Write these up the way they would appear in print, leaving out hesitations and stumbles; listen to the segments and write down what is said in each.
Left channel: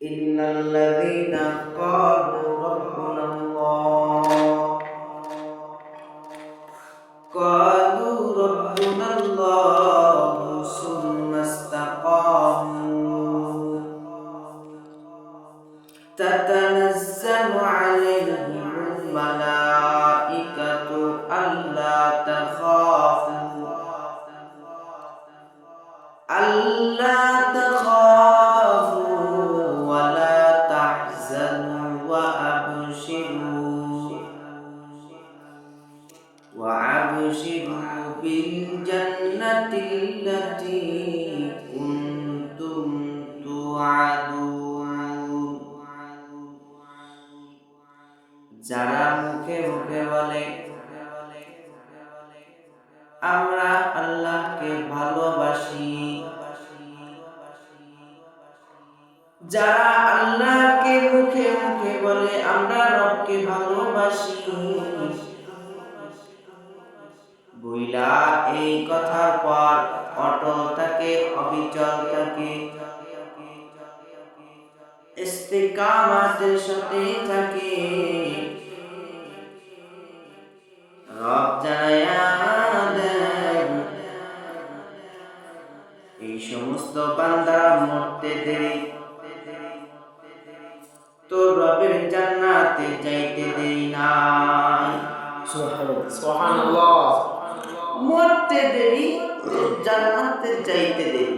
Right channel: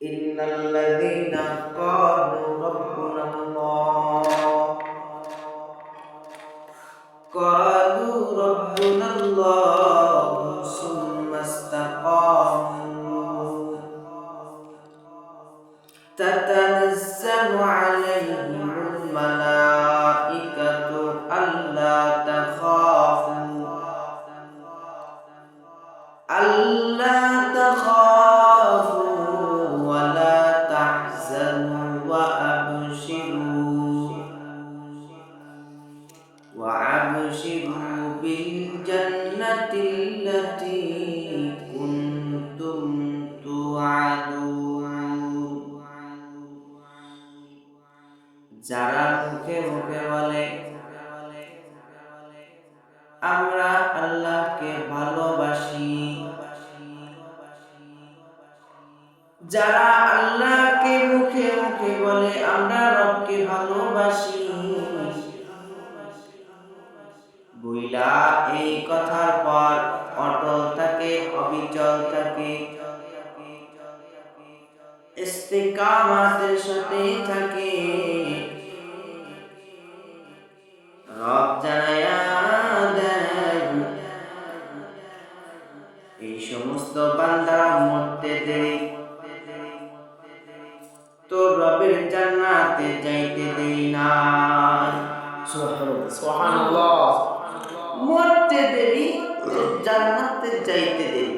ইন্নাল্লাযীনা ক্বালু রাব্বুনাল্লাহু সুম্মা ইসতাকামু তাতানাজ্জালু আলাইহিমুল মালাঈকাতু আল্লা তাখাফু ওয়া লা তাহজানু ওয়া আবশিরু বিল জান্নাতিল্লাতী কুনতুম তুআদুন। যারা মুখে মুখে বলে আমরা আল্লাহকে ভালোবাসি, যারা আল্লাহকে মুখে মুখে বলে আমরা রবকে ভালোবাসি, বইলা এই কথার পর অটল থাকে, অবিচল থাকে, ইস্তিকামাতের সাথে থাকে, রব জানায়া দেন এই সমস্ত বান্দারা মরতে দেরি, তো রবের জান্নাতে যাইতে দেরি নাই। সুবহানাল্লাহ। মরতে দেরি, জান্নাতে যাইতে দেরি।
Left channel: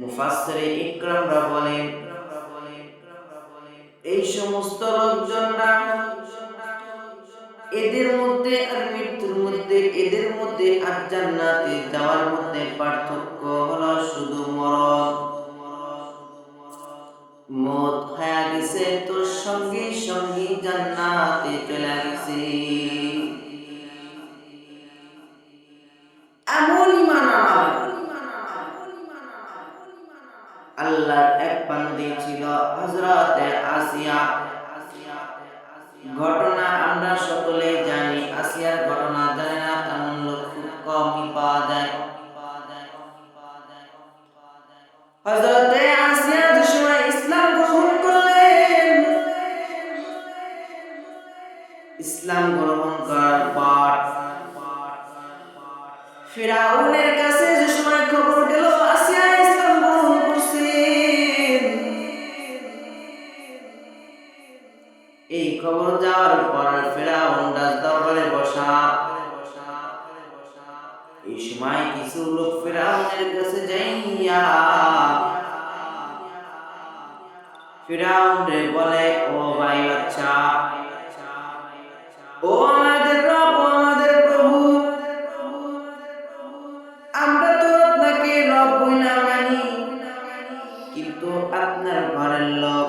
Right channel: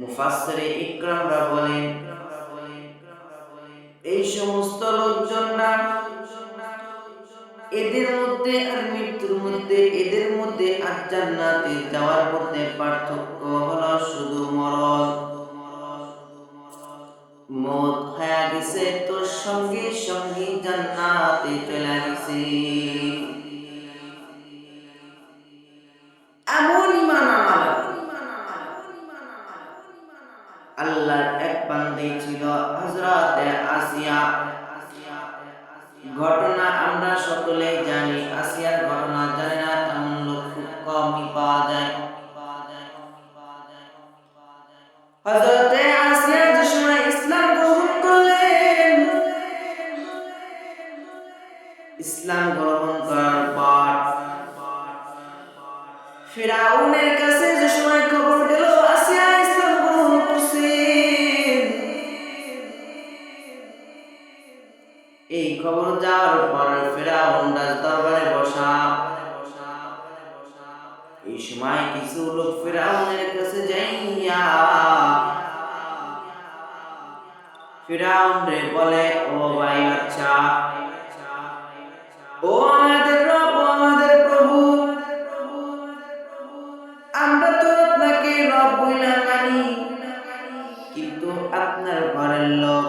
মুফাসসিরে ইকরামরা বলেন এই সমস্ত লোকজনরা এদের মধ্যে আর মৃত্যুর মধ্যে, এদের মধ্যে আর জান্নাতে যাওয়ার মধ্যে পার্থক্য হলো শুধু মরণ। মত হয়ে গেছে তো সঙ্গে সঙ্গে জান্নাতে চলে গেছে। এমন ঈমান আনার আল্লাহর এক বান্দী ছিল হযরতে আসিয়া। ঘটনা আমরা সকলেই জানি, আসিয়ার ঘটনা জানে না এমন লোক খুব কমই পাওয়া যায়। হযরতে আসিয়া যে সময় ইসলাম গ্রহণ করলেন, ইসলাম গ্রহণ করার পর ফিরাউনের কাছে যে সময় খবর গেল আসিয়া ইসলাম গ্রহণ করছে, এই খবর যাওয়ার পর ফিরাউন রাজ দরবারে বসা। এই সময় কিছু লোক ফিরাউনের কাছে যাইয়া ফিরাউন রে বলে, ও ভাই বাচ্চা, ও আমাদের রব, ও আমাদের প্রভু, আমরা তো আপনাকে রব বইলা মানি, কিন্তু আপনার ঘরের লোক,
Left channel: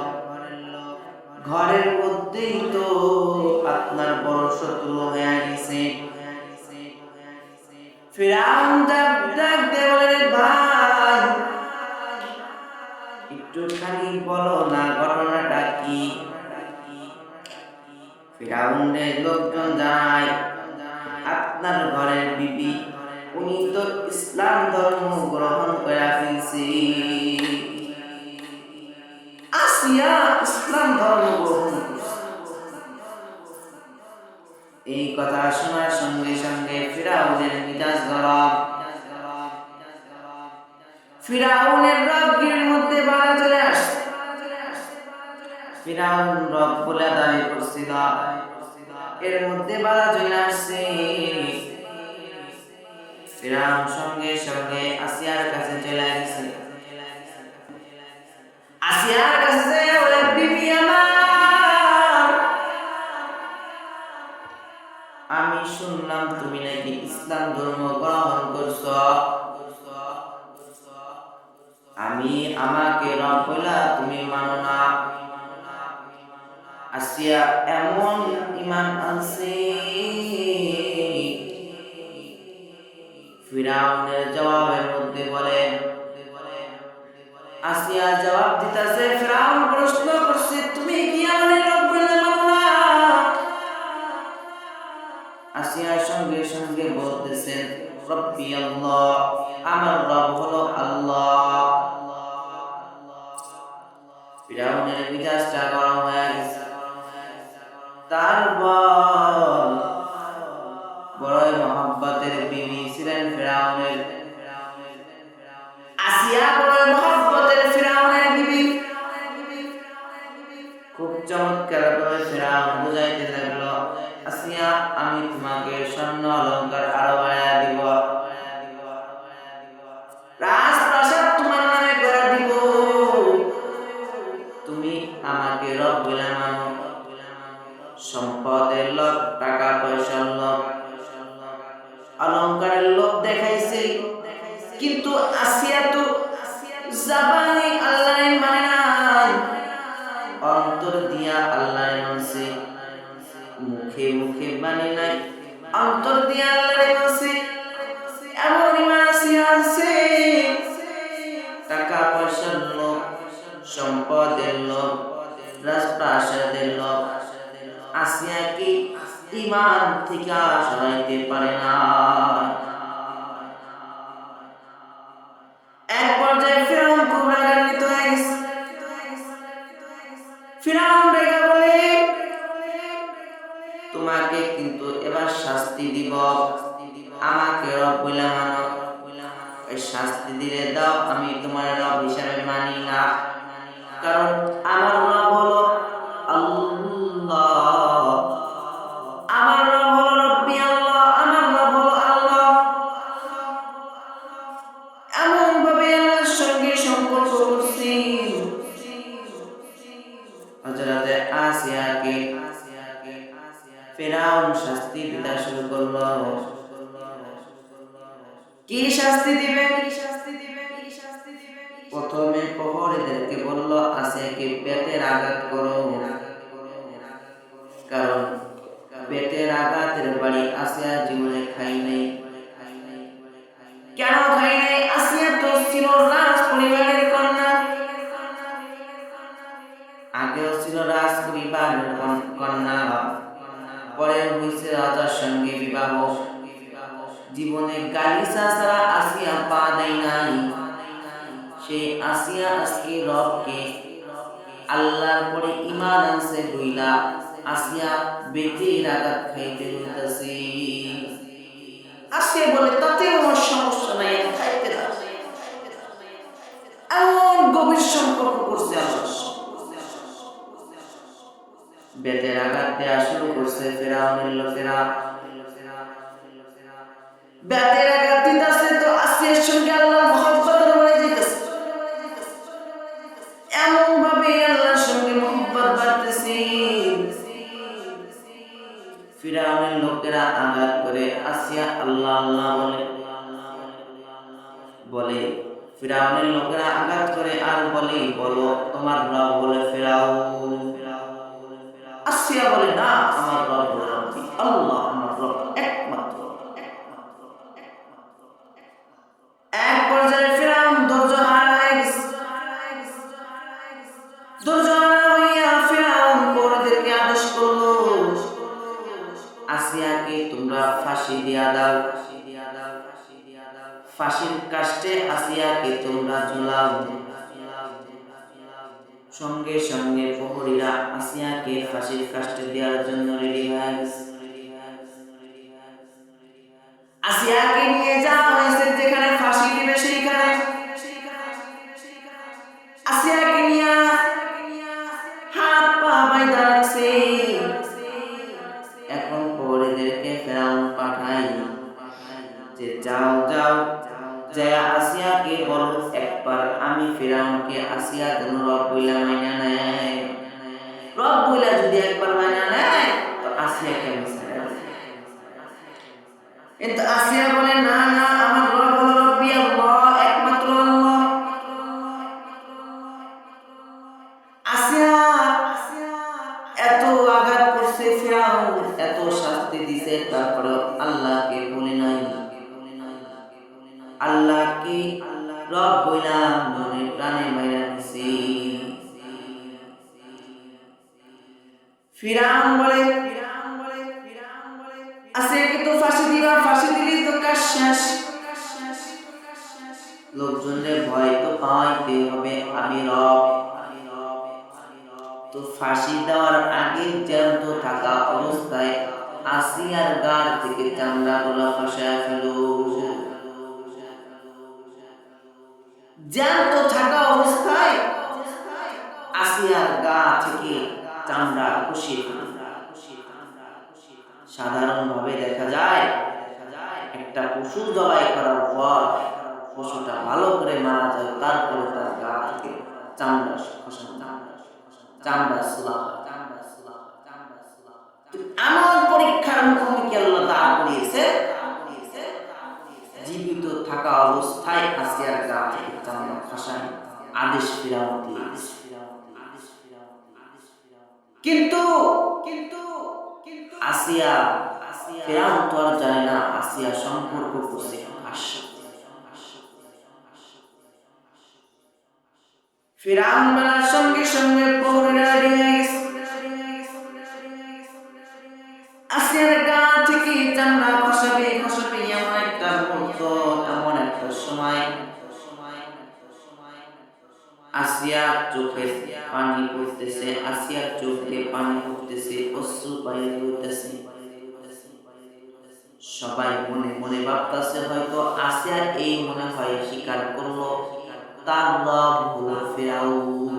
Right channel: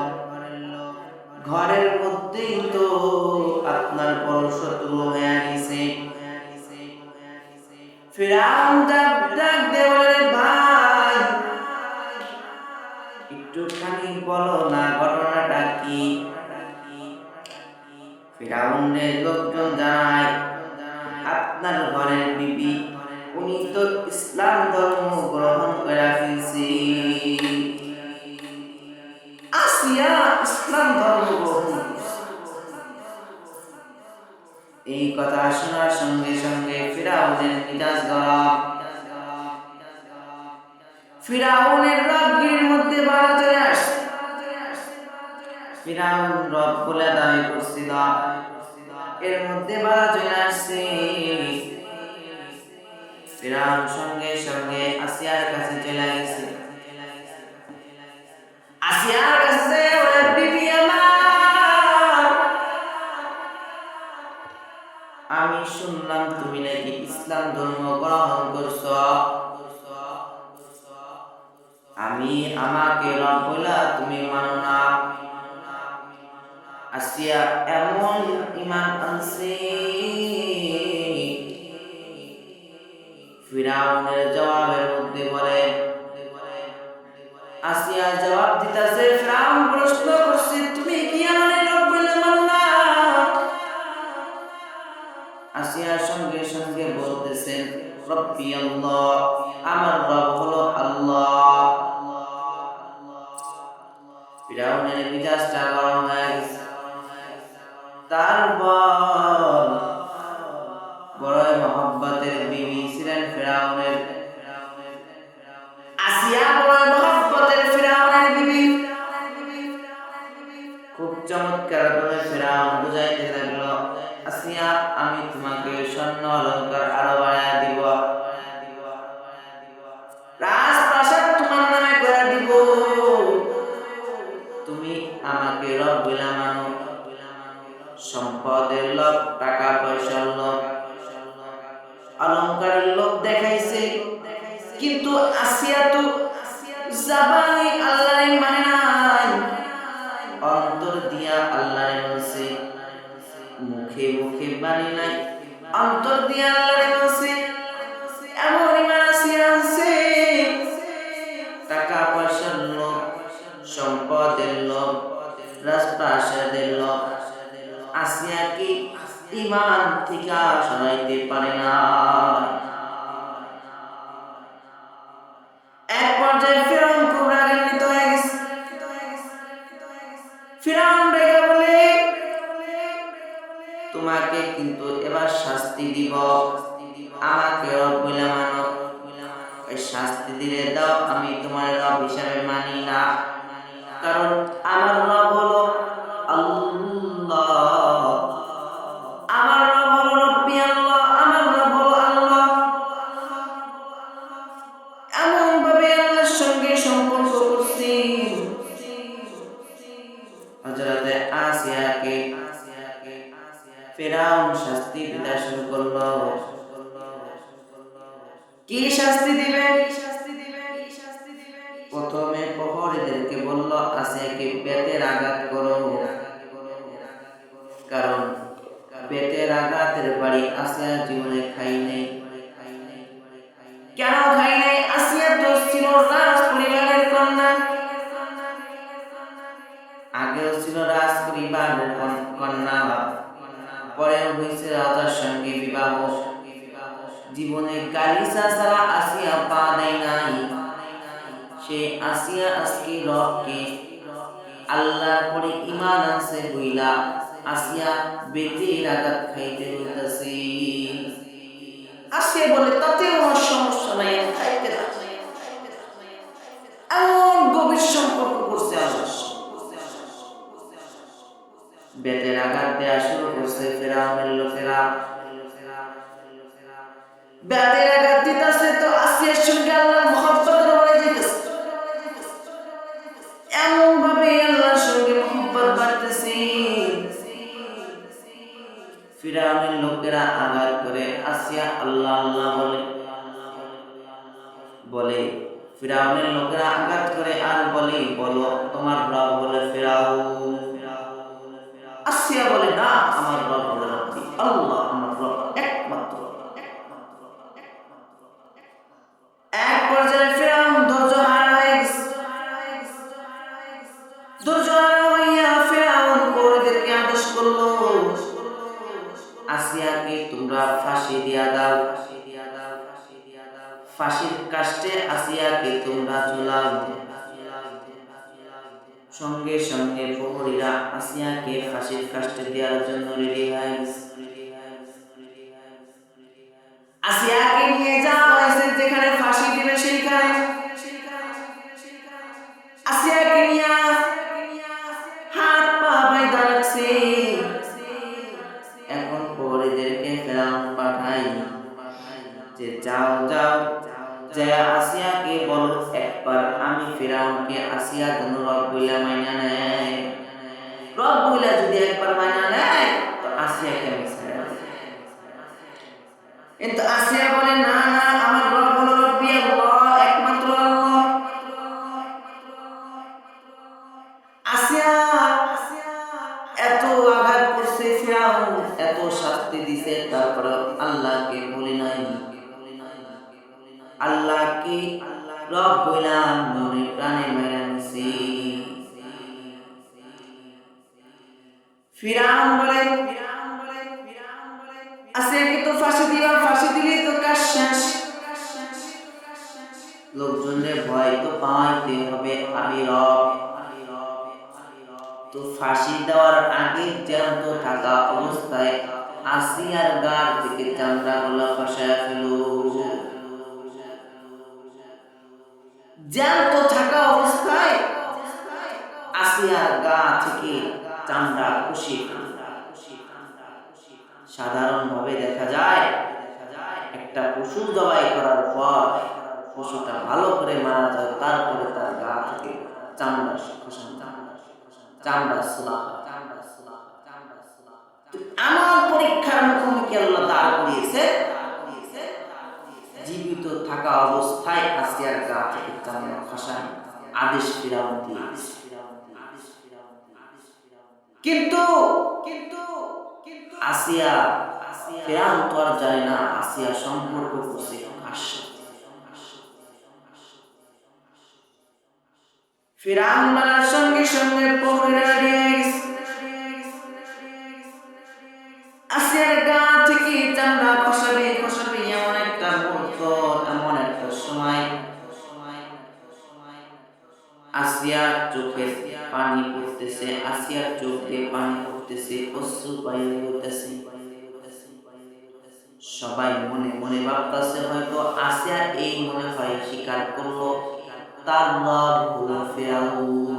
ঘরের মধ্যেই তো আপনার বড় শত্রু হয়ে গেছে। ফিরাউন ডাক দিয়ে বলে, ভাই একটুখানি বলো না ঘটনাটা কি। ফিরাউনের লোকজন জানায়, আপনার ঘরের বিবি উনি তো ইসলাম ধর্ম গ্রহণ করে ফেলছে। আসিয়া ইসলাম ধর্ম গ্রহণ করছে। এই কথা শোনার সঙ্গে সঙ্গে ফিরাউনের মিজাজ গরম, ফিরাউনের রবগিরির মধ্যে বাধা চলে আসছে। ফিরাউন রব বলে দাবি করছিল, এর মধ্যে বাধা চলে আসছে। ফিরাউন সঙ্গে সঙ্গে আসিয়ার কাছে চলে গেছে। আসিয়ার কাছে বলে, বিবি আমার, আমি শুনলাম তুমি নাকি ইসলাম ধর্ম গ্রহণ করছো, আমাকে রব বলা তুমি মানো না। আসিয়া এমন ঈমান আনছে, ফিরাউনের জবাবের মধ্যে বলে, আসিয়া জবাব দিতেছে, ফিরাউন প্রশ্ন করছে, তুমি কি আমাদের রব বলে মানো না? আসিয়ার সঙ্গে সঙ্গে বলতেছেন, রব্বি আল্লাহ, আমার রব হলো আল্লাহ। ফিরাউনের মেজাজটা গরম হয়ে গেছে। তারপর বড়ই মহব্বতের বিবি ছিলেন ফিরাউনের, আসিয়া বড়ই মহব্বতের ফিরাউনের বিবি। খুব চমৎকার ভাবে ফিরাউন বুঝাইতে লাগলো, আসিয়া আমি তোমাকে স্বর্ণ অলংকার আরো বাড়ায়া দিব, রাজপ্রাসাদ তোমার নামে করে দিব, তুমি আমাকে রব বলে মানো। সম্পদের লোভ, টাকা পয়সার লোভ, অলংকারের লোভ দেখাইছে, কিন্তু আসিয়া তো জাবানে আল্লাহরে মানে নাই, অন্তর দিয়া আল্লাহরে মানছে, মুখে মুখে মানে নাই, অন্তর দিয়া আল্লাহরে মানছে। এমন ইমান আসিয়া আছে, টাকা পয়সার লোভ, সম্পদের লোভ, রাজপ্রাসাদের লোভ আসিয়া কি ইমান থেকে সরাইতে পারে না। এক পর্যায়ে ফিরাউন খুব রাগান্বিত হয়ে গেছে। ফিরাউন রেগে বলে, তোমাকে কিন্তু এবার শাস্তি দিব, আমাকে রব বলে মানো, শাস্তি দিলে দাও, আমি তোমার রব হিসাবে মানি না, কারণ আমার রব হলো আল্লাহ, আমার রব হলো রব্বি আল্লাহ, আমার রব হলো আল্লাহ। এমন ভাবে আল্লাহর সঙ্গে সম্পর্ক করছি। হযরতে আসিয়াকে ফিরাউন শাস্তি দিতে শুরু করলো। কি শাস্তি দিবে? প্রথমে প্রহরীদেরকে বলল, আসিয়াকে পেটের আঘাত করো, কারণ পেটের আঘাতের বাড়ি আসিয়া জীবনে খাই নাই। কেন খাই নাই? আসিয়া তো ছিল রাজ পরিবারের কন্যা, আগেও ছিল রাজ পরিবারের কন্যা, পরে হয়েছে রাজার সঙ্গে বিবাহ। জীবনে গালিচা ছাড়া আসিয়া পা দেয় নাই। সে আসিয়া আজকে রবকে আল্লাহর পরে ঈমান আনছে বইলা আসিয়া বেতের আঘাত খাইতে হইতাছে। আসিয়া বলে, তাতেও আমার সমস্যা নাই, আমি খাইতে রাজি। এমন গভীর সম্পর্ক করছে আল্লাহর সঙ্গে। বেতের আঘাত দেওয়া শুরু করছে ফিরাউনের লোকেরা। বেতের আঘাত দিতেছে তো আসিয়ার সঙ্গে আল্লাহর মহব্বতের বাড়ে যাইতেছে। এমন ভাবে আল্লাহর সঙ্গে মহব্বত বাড়তেছে। ফিরাউনের লোকেরা আঘাত করে আসিয়া আল্লাহ আল্লাহ বলে। ফিরাউনের লোকেরা আঘাত করে আর বলে, বলো তোমার রব বলে ফিরাউন। আসিয়া বলে, না, আমার রব হলো রব্বি আল্লাহ, আমার রব একমাত্র। এক পর্যায়ে ফিরাউন ধৈর্য হারা হয়ে গেছে। ধৈর্য হারা হইয়া ফিরাউন প্রহরীদেরকে আদেশ করলো, আসিয়াকে তোমরা ফাঁসি দিয়া দাও, ফাঁসির কাষ্টে আসিয়াকে তোমরা ঝুলাও। সঙ্গে সঙ্গে প্রহরীরা আসিয়াকে ফাঁসির কাষ্টে দেওয়ার জন্য রেডি হয়ে গেছে। আসিয়াকে নিয়ে যাওয়া হয়েছে যেখানে ফাঁসি দিবে সেইখানে। আসিয়াকে নিয়ে হাত পা বাইন্ধা রাখছে। এখন প্রহরীদেরকে ফিরাউন পাঠায় যে যাও যাও, যায়া আসিয়াকে বলো একবার আমি ফিরাউনকে আসিয়া কোন রব বইলা মাইনা নেয়। রব বইলা যদি একবার মাইনা নেয় তো আসিয়াকে আমি ছাড়া দেব। কিন্তু আসিয়া বলে, না না, আমার রব হলো রব্বি আল্লাহ, একমাত্র আল্লাহ। আসিয়া এত আঘাত করছে ফিরাউন, এত শাস্তি দিছে, তারপরে আল্লাহকে বলে নাই। আল্লাহকে রব বইলা মনে প্রাণে মাইরা নিছে। ফিরাউন বলে, আসিয়াকে তো ফাঁসি দিবা, ফাঁসি দিলি তো কাজ শেষ। লোকজনের ভয় তো পাইতে হবে, আমি রব। তো ফাঁসি দেওয়ার আগে জ্যান্ত থাকা অবস্থায় আসিয়ার গাড় থেকে চামড়াগুলো খসায় ফেল। জ্যান্ত থাকা অবস্থায় আসিয়ার গা থেকে চামড়া খসিয়ে ফেল। সাধারণভাবে দেখা যায় একটা পশু জবাই করার পর পশুটা ভালো করে মারা যায়, তারপরে তার গা থেকে চামড়া খসানো, চামড়া সুলা হয়। এমন পরীক্ষার মুখোমুখি আল্লাহ দাঁড় করিয়েছে, জীবিত থাকা অবস্থায় আসিয়ার গা থেকে চামড়া খসায় আদেশ ফিরাউন দিয়ে। কিন্তু আসিয়া, ফিরাউন তো আর জানে না আসিয়া সম্পর্ক করছে কার সাথে। ফিরাউন বলার সঙ্গে সঙ্গে প্রহরীরা রেডি হয়ে গেছে। আসিয়ার গা থেকে চামড়া খসাবে এমন একটা মুহূর্ত, এমন একটা সময় আসিয়ার চোখের পানি পড়তেছে, আসিয়ার চোখ দিয়ে পানি পড়তেছে, অশ্রু বাইরে হইতেছে। সবাই মনে মনে ভাবতেছে হয়তো আসিয়া এই মনে হয় স্বীকার করলো তার রব হলো ফিরাউন।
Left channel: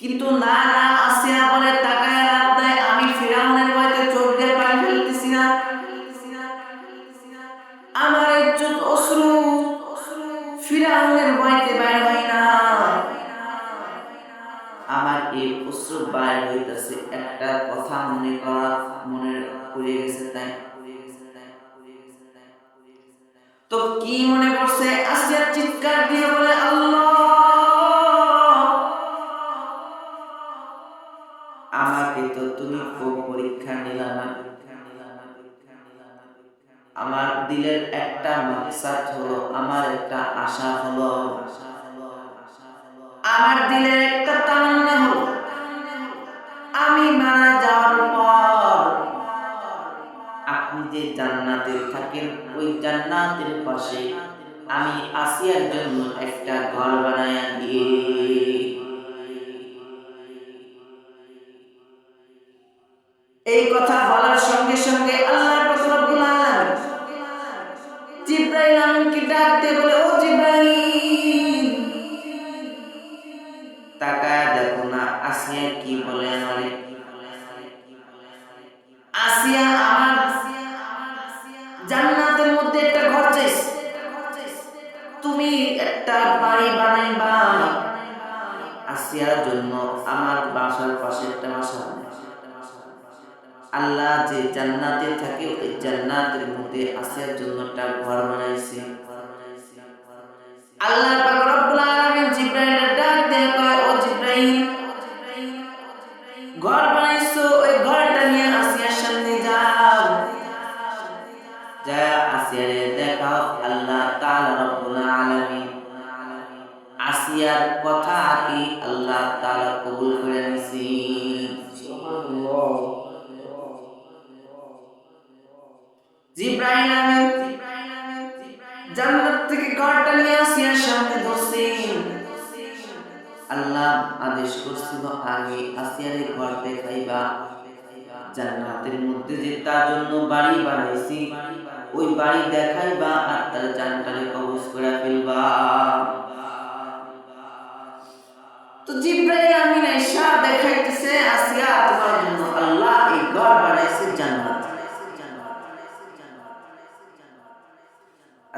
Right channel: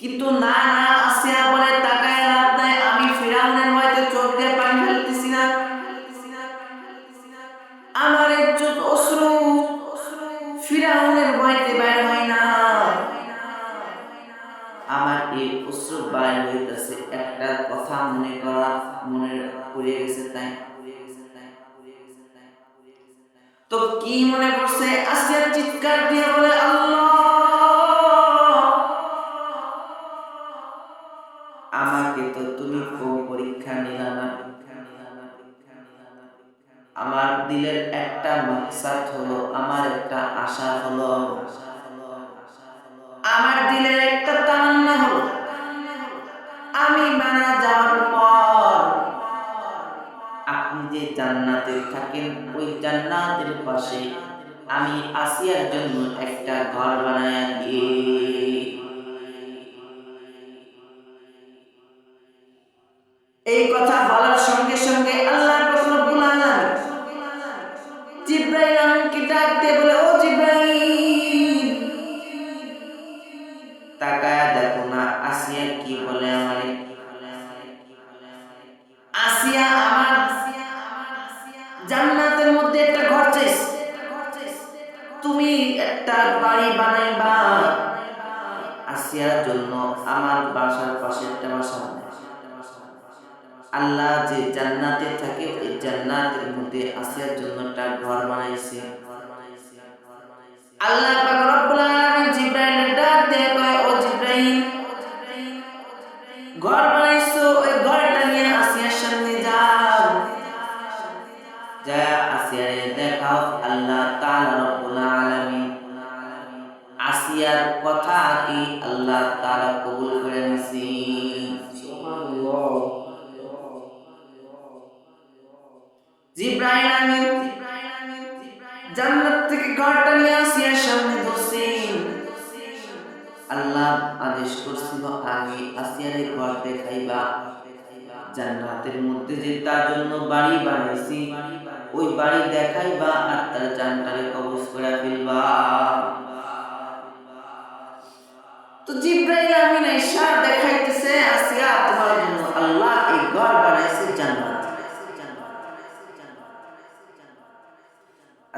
কিন্তু না, আসিয়া বলে তাকায় লাভ নাই, আমি ফিরাউনের ভয়তে চোখ দিয়ে পানি ফেলতেছি না, আমার ইজ্জত অশ্রু ফিরাউনের ভয়তে বাইর হয় না, আমার এই অশ্রু বাইর হইতেছে একটা কথা মনে পড়ে গেছে তাই। তো কি মনে পড়ছে? আসিয়া চিৎকার দিয়ে বলে আল্লাহ, আমাকে তো তুমি খুব পরীক্ষা নিলা না, আমার দিলের একটা মাকসাদ হলো, আমার একটা আশা হলো, আমার দিলের একটা তামান্না হলো, আমি মারা যাওয়ার পর আপনি যে জান্নাতে থাকেন ওই জান্নাতের পাশে আমি আসিয়ার জন্য একটা ঘর বানায়া দিয়ে। এই কথা বলার সঙ্গে সঙ্গে আল্লাহ পাক রব্বুল আলামিন জিবরাইল আমিনকে ডাক দিয়ে বলে, ও জিবরাইল, তাকায়া দেখো না আসিয়া কি বলে আমারে। আসিয়া আমার জান্নাতের মধ্যে একটা ঘর চাইছে, তুমি একটা বাড়ি বানাইবা আসিয়ার জন্য, আমার বাসার পাশে একটা বাসা। আল্লাহ যে জান্নাতে থাকে ওই জান্নাতের মধ্যে আসিয়ার জন্য একটা ঘর বানাইছে। আল্লাহ পাক রব্বুল আলামিন জিবরাইলের ডাক দিয়ে কয়, ও জিবরাইল, ঘর বানাইছো, ওই ঘরটা নিয়ে আসিয়ার সামনে যাও, যা আসিয়ারে দেখাও। আল্লাহ তাআলা রব্বুল আলামিন আসিয়ার কথা কি আল্লাহ তাআলা কবুল করে নিছি। সুবহানাল্লাহ। জিবরাইল আমিন জান্নাত থেকে ঘরটা নিয়ে আসিয়ার সামনে ধরছেন। আল্লাহ আদেশ করছিল আগে আসিয়ারে ঘর দেখাইবা, জান্নাতের মধ্যে যে তার জন্য বাড়ি বানাইছি ওই বাড়ি দেখাইবা আর তার জানটারে কবজ করে ফেলবা। তো জিবরাইল আমিন আয়েশা দেখাইতেছে, আসিয়া তোমার জন্য আল্লাহ এই ঘর বানাইছে জান্নাত।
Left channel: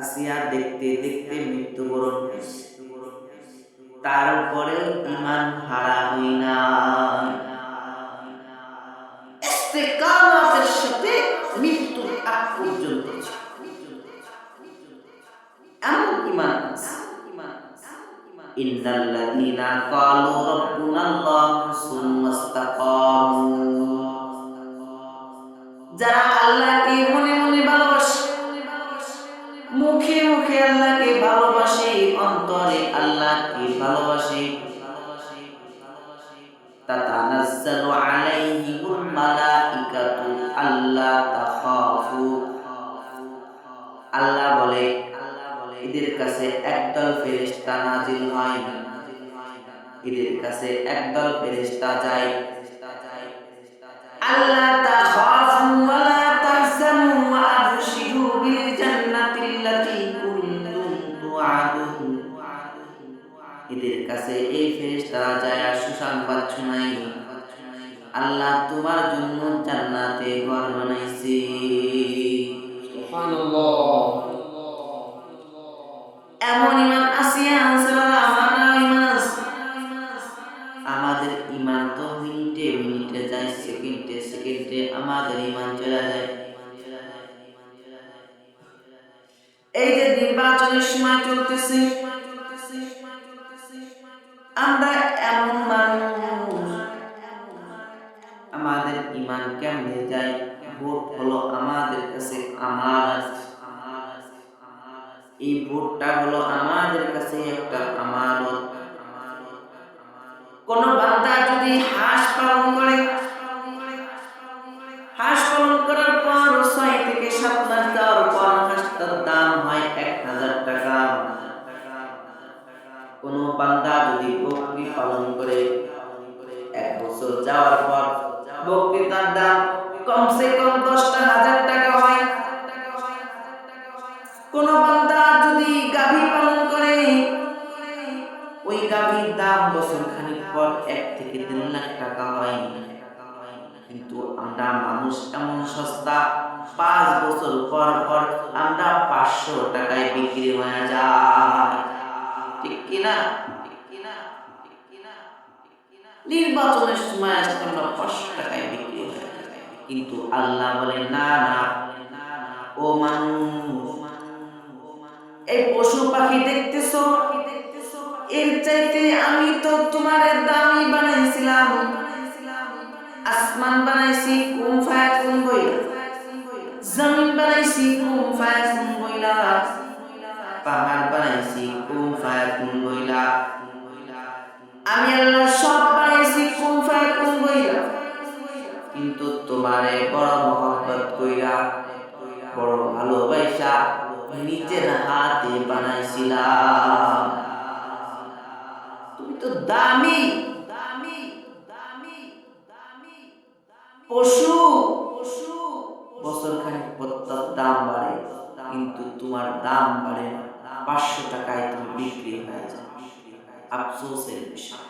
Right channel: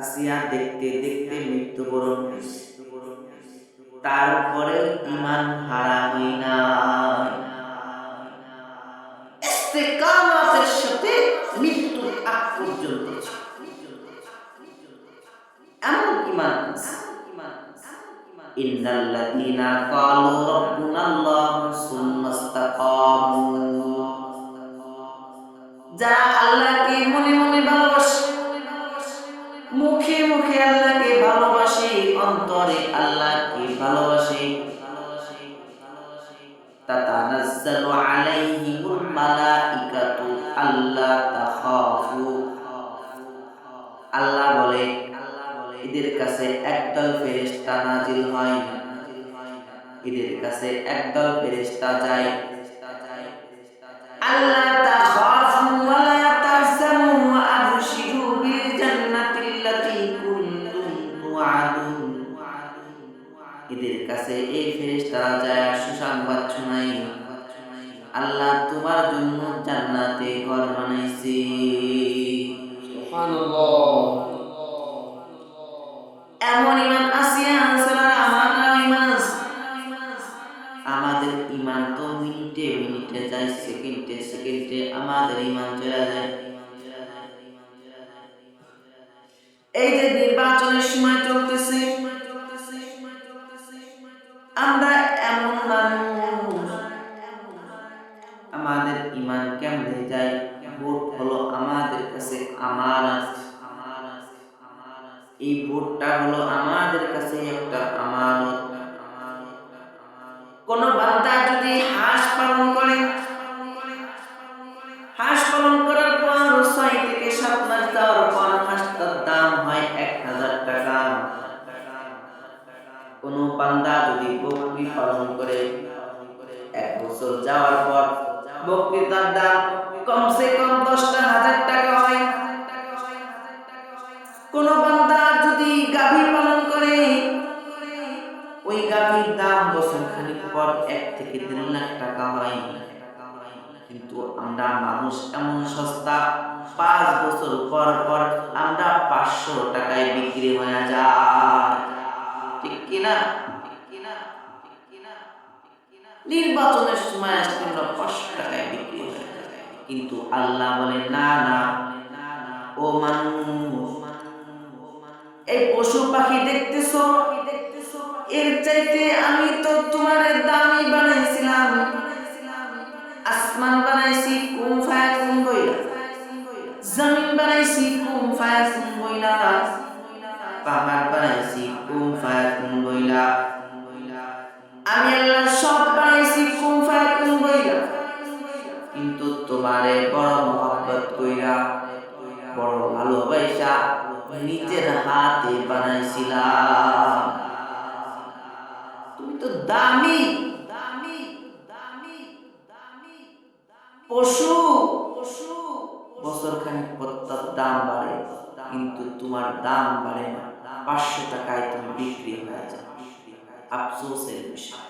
আসিয়া দেখতে দেখতে মৃত্যুবরণ করছে, তারপরে ঈমান হারা হই না, ইস্তেকামাতের সাথে মৃত্যুর আগ পর্যন্ত এমন ঈমান আছে। ইন্নাল্লাযীনা ক্বালু রাব্বুনাল্লাহু সুম্মা ইসতাকামু, যারা আল্লাহকে মনে মনে ভালোবাসে, মুখে মুখে আল্লাহকে ভালোবাসে, অন্তরে আল্লাহকে ভালোবাসে, তাতানাজ্জালু আলাইহিমুল মালাইকাতু আল্লা তাখাফু, আল্লাহ বলে এদের কাছে একদল ফেরেশতা নাজিল হয় এদের কাছে একদল ফেরেশতা যায়, আল্লাহ তাখাফু ওয়া লা তাহজানু ওয়া আবশিরু বিল জান্নাতিল্লাতী কুনতুম তুআদুন। এদের কাছে এই ফেরেশতারা যায় সুসংবাদ শোনায়, আল্লাহ তোমার জন্য জান্নাতে ঘর বানাইছে। সুবহানাল্লাহ। এমন ঈমান আসিয়া আনসাররা আমাদের ঈমান আছে। আমাদের ঈমান তো মিনিটে মিনিটে যায়, সেকেন্ডে সেকেন্ডে আমাদের ঈমান চলে যায়। এই যে নির্বাচনের সময় চলতেছে, আমরা এমন মানুষ, আমাদের ঈমান কেমনে যায়? ভোট হলো আমাদের কাছে আমানত। এই ভোটটা হলো আমাদের কাছে একটা আমানত। কোন বান্দা যদি হাঁস পালন করে, হাঁস পালন করার পর 6 থেকে 7 মাস যাওয়ার পর হাঁসটার দাম হয় 1000 টাকা। কোন বান্দা যদি বকরি পালন করে, 1 বছর যাওয়ার পর বকরিটার দাম কমসে কম 10,000 টাকা হয়। কোন বান্দা যদি গাভী পালন করে, ওই গাভীর দাম বছর খানিক পর 1 থেকে 3 লাখ টাকা হয়। কিন্তু আমরা মানুষ এমন সস্তা, 5 বছর পর পর আমরা 500 টাকায় বিক্রি হয়ে যায়। ঠিক কিনা? নির্বাচনের সময় আসলে আমরা 500 টাকায় বিক্রি হয়ে যায়। কিন্তু আল্লাহ বলে না না, ও মানুষ, এই পশু পাখি দেখতেছো, এর চাইতে আমি তো তোমার দামি বানাইছিলাম। আসমান বানাইছি কুম ফায়াকুম বইলা, জমিন বানাইছি কুম ফায়াকুম বইলা, পাহাড় বানাইছি কুম ফায়াকুম বইলা। আমি আল্লাহ সব বানাইছি কুম ফায়াকুম বইলা। কিন্তু তোমারে বড় মহব্বত কইরা, বড় ভালোবাসা নিজের হাতে বানাইছিলাম। তুমি তো দামি পশু, বছর খানিক পর তার দাম বাড়ে, কিন্তু তোমার দাম বাড়ে না। 500 টাকায় তুমি বিক্রি হয়ে যাও। আফসোসের বিষয়।